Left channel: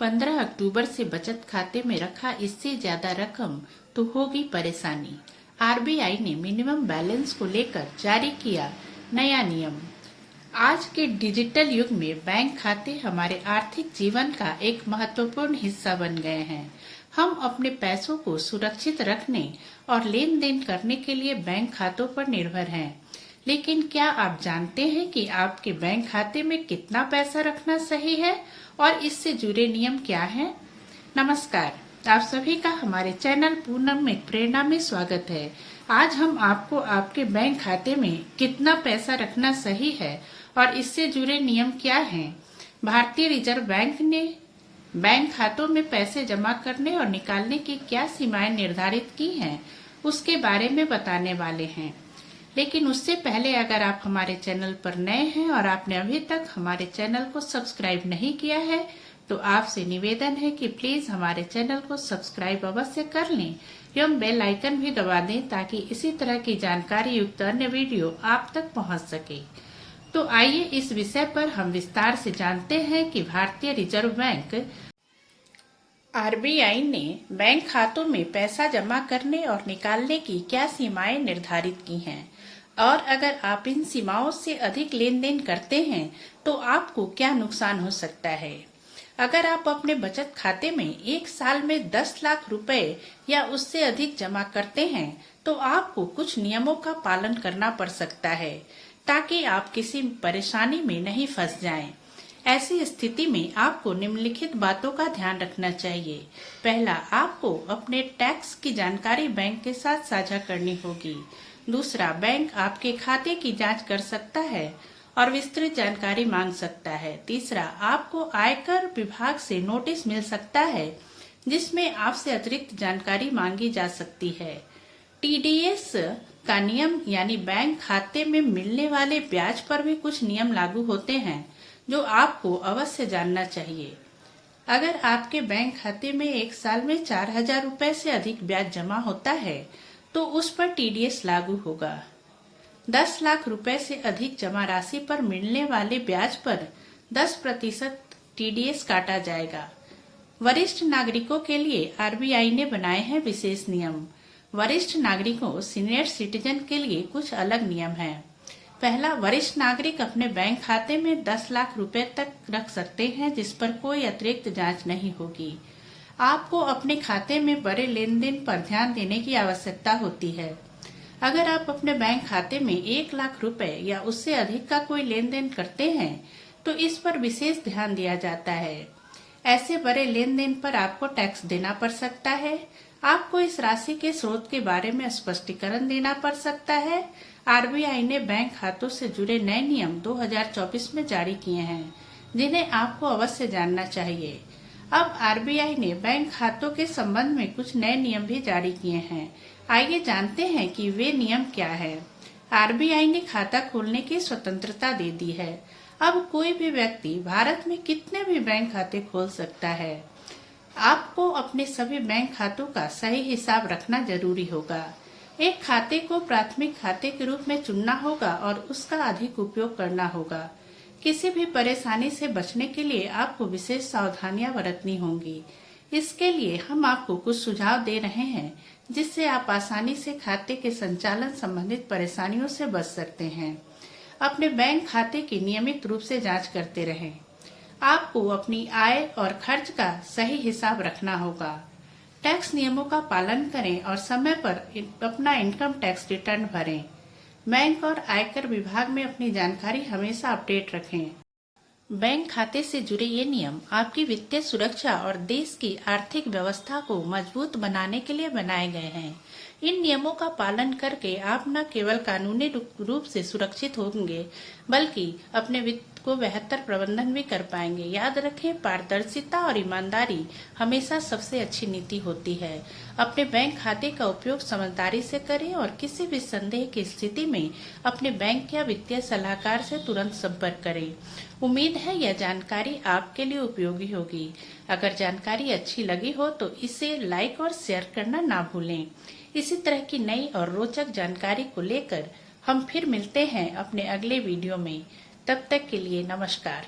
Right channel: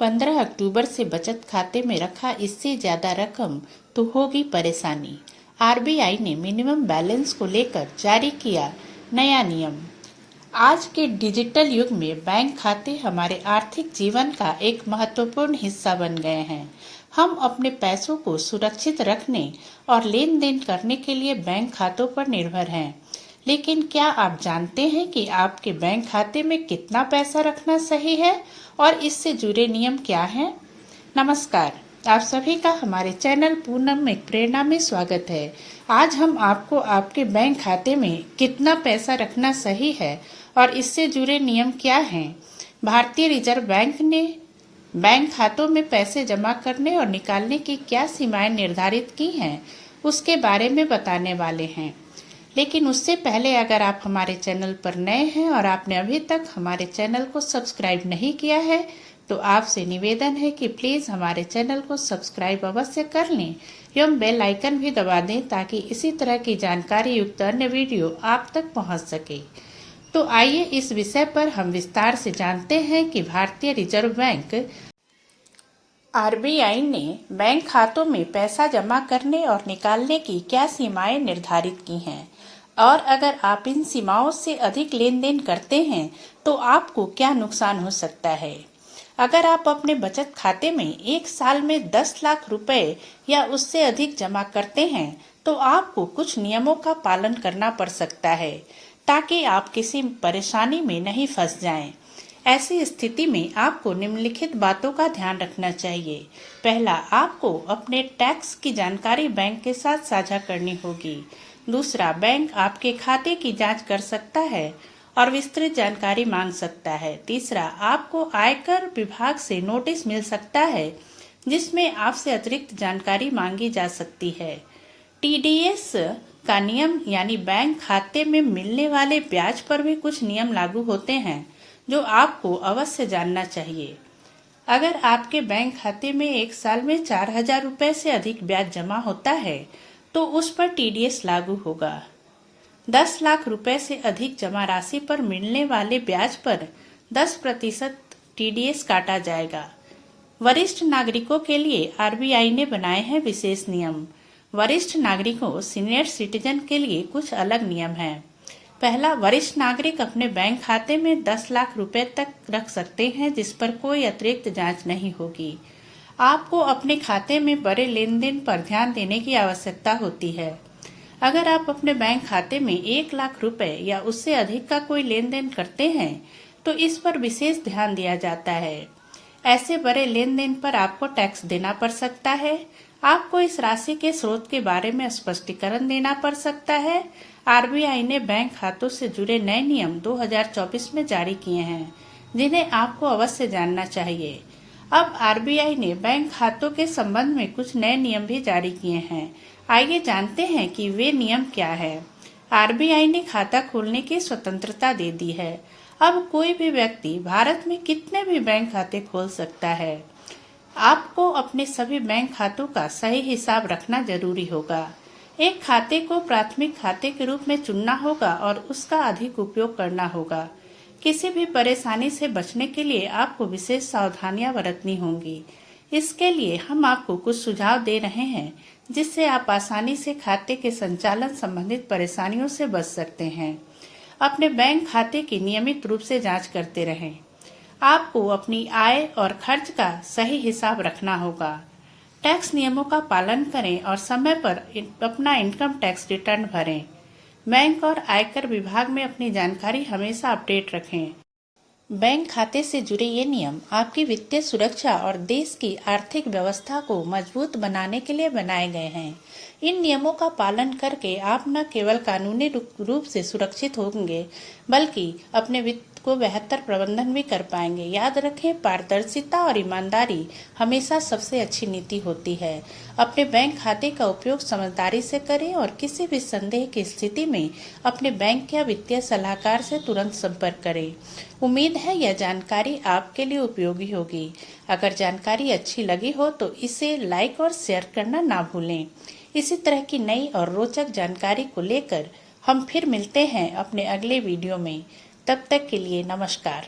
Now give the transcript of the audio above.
15 अक्टूबर से बचत खाते में रखा इससे ज्यादा रकम तो होगी परेशानी। आरबीआई ने मिनिमम बैलेंस को लेकर जारी किया नया नियम। आज के डिजिटल युग में बैंक खाते हमारे आर्थिक जीवन का एक महत्वपूर्ण हिस्सा बन गए हैं। हम अपने पैसों को सुरक्षित रखने और लेन देन करने के लिए बैंक खातों पर निर्भर हैं। लेकिन क्या आप जानते हैं कि आपके बैंक खाते में कितना पैसा रखना सही है और इससे जुड़े नियम क्या हैं? नमस्कार, आप सभी का हमारे चैनल पूनम में प्रेरणा में स्वागत है। आज हम आपको आपके बैंक खाते में कितना पैसा रखना सही है और इससे जुड़े नियम क्या हैं, भारतीय रिजर्व बैंक ने बैंक खातों में पैसे जमा करने और निकालने की क्या सीमाएं निर्धारित की हैं, उसके बारे में बताने वाले हैं। लेकिन उससे पहले अगर आप हमारे चैनल पर नए हैं और आपने अभी तक हमारे चैनल को सब्सक्राइब नहीं किया है तो आपसे निवेदन है कि प्लीज हमारे चैनल को सब्सक्राइब अवश्य कर लें एवं बेल आइकन भी दबा दें ताकि इसी तरह की जानकारी युक्त अन्य वीडियो आप तक पहुंच सके। तो आइए इस विषय पर हम विस्तार से जानते हैं कि भारतीय रिजर्व बैंक आरबीआई ने बैंक खातों में पैसा जमा करने और निकालने की क्या सीमाएं निर्धारित की हैं और अगर आप इन सीमाओं से अधिक लेन देन करते हैं तो आपको क्या नुकसान हो सकता है। अगर आप अपने बचत खाते में एक साल में 10 लाख रुपए या उससे अधिक जमा करते हैं तो आपको कुछ नियमों का पालन करना पड़ सकता है ताकि आप किसी परेशानी में नहीं फंस जाएं। ऐसी स्थिति में आपको निम्नलिखित बातों का ध्यान रखना चाहिए। पहला, आपको अपने टैक्स की जानकारी बैंक के साथ साझा करनी होगी। दूसरा, बैंक आपके खाते की जांच कर सकता है और विस्तृत जानकारी मांग सकता है। तीसरा, आपको आयकर विभाग से नोटिस मिल सकता है जिसमें आपसे अतिरिक्त जानकारी मांगी जा सकती है। टीडीएस का नियम यानी बैंक खाते में मिलने वाले ब्याज पर भी कुछ नियम लागू होते हैं जो आपको अवश्य जानना चाहिए। अगर आपके बैंक खाते में एक साल में 4,000 रुपए से अधिक ब्याज जमा होता है तो उस पर टीडीएस लागू होगा। 10 लाख रुपए से अधिक जमा राशि पर मिलने वाले ब्याज पर 10% टीडीएस काटा जाएगा। वरिष्ठ नागरिकों के लिए आरबीआई ने बनाए हैं विशेष नियम। वरिष्ठ नागरिकों सीनियर सिटीजन के लिए कुछ अलग नियम हैं। पहला, वरिष्ठ नागरिक अपने बैंक खाते में 10 लाख रुपए तक रख सकते हैं जिस पर कोई अतिरिक्त जांच नहीं होगी। आपको अपने खाते में बड़े लेन देन पर ध्यान देने की आवश्यकता होती है। अगर आप अपने बैंक खाते में 1 लाख रुपए या उससे अधिक का कोई लेन देन करते हैं तो इस पर विशेष ध्यान दिया जाता है। ऐसे बड़े लेन देन पर आपको टैक्स देना पड़ सकता है। आपको इस राशि के स्रोत के बारे में स्पष्टीकरण देना पड़ सकता है। आरबीआई ने बैंक खातों से जुड़े नए नियम 2024 में जारी किए हैं जिन्हें आपको अवश्य जानना चाहिए। अब आरबीआई ने बैंक खातों के संबंध में कुछ नए नियम भी जारी किए हैं। आइए जानते हैं कि वे नियम क्या है। आरबीआई ने खाता खोलने की स्वतंत्रता दे दी है। अब कोई भी व्यक्ति भारत में कितने भी बैंक खाते खोल सकता है। आपको अपने सभी बैंक खातों का सही हिसाब रखना जरूरी होगा। एक खाते को प्राथमिक खाते के रूप में चुनना होगा और उसका अधिक उपयोग करना होगा। किसी भी परेशानी से बचने के लिए आपको विशेष सावधानियां बरतनी होंगी। इसके लिए हम आपको कुछ सुझाव दे रहे हैं जिससे आप आसानी से खाते के संचालन संबंधित परेशानियों से बच सकते हैं। अपने बैंक खाते की नियमित रूप से जांच करते रहें। आपको अपनी आय और खर्च का सही हिसाब रखना होगा। टैक्स नियमों का पालन करें और समय पर अपना इनकम टैक्स रिटर्न भरें। बैंक और आयकर विभाग में अपनी जानकारी हमेशा अपडेट रखें। बैंक खाते से जुड़े ये नियम आपकी वित्तीय सुरक्षा और देश की आर्थिक व्यवस्था को मजबूत बनाने के लिए बनाए गए हैं। इन नियमों का पालन करके आप न केवल कानूनी रूप से सुरक्षित होंगे बल्कि अपने वित्त को बेहतर प्रबंधन भी कर पाएंगे। याद रखें, पारदर्शिता और ईमानदारी हमेशा सबसे अच्छी नीति होती है। अपने बैंक खाते का उपयोग समझदारी से करें और किसी भी संदेह की स्थिति में अपने बैंक या वित्तीय सलाहकार से तुरंत संपर्क करें। उम्मीद है यह जानकारी आपके लिए उपयोगी होगी। अगर जानकारी अच्छी लगी हो तो इसे लाइक और शेयर करना ना भूलें। इसी तरह की नई और रोचक जानकारी को लेकर हम फिर मिलते हैं अपने अगले वीडियो में। तब तक के लिए नमस्कार।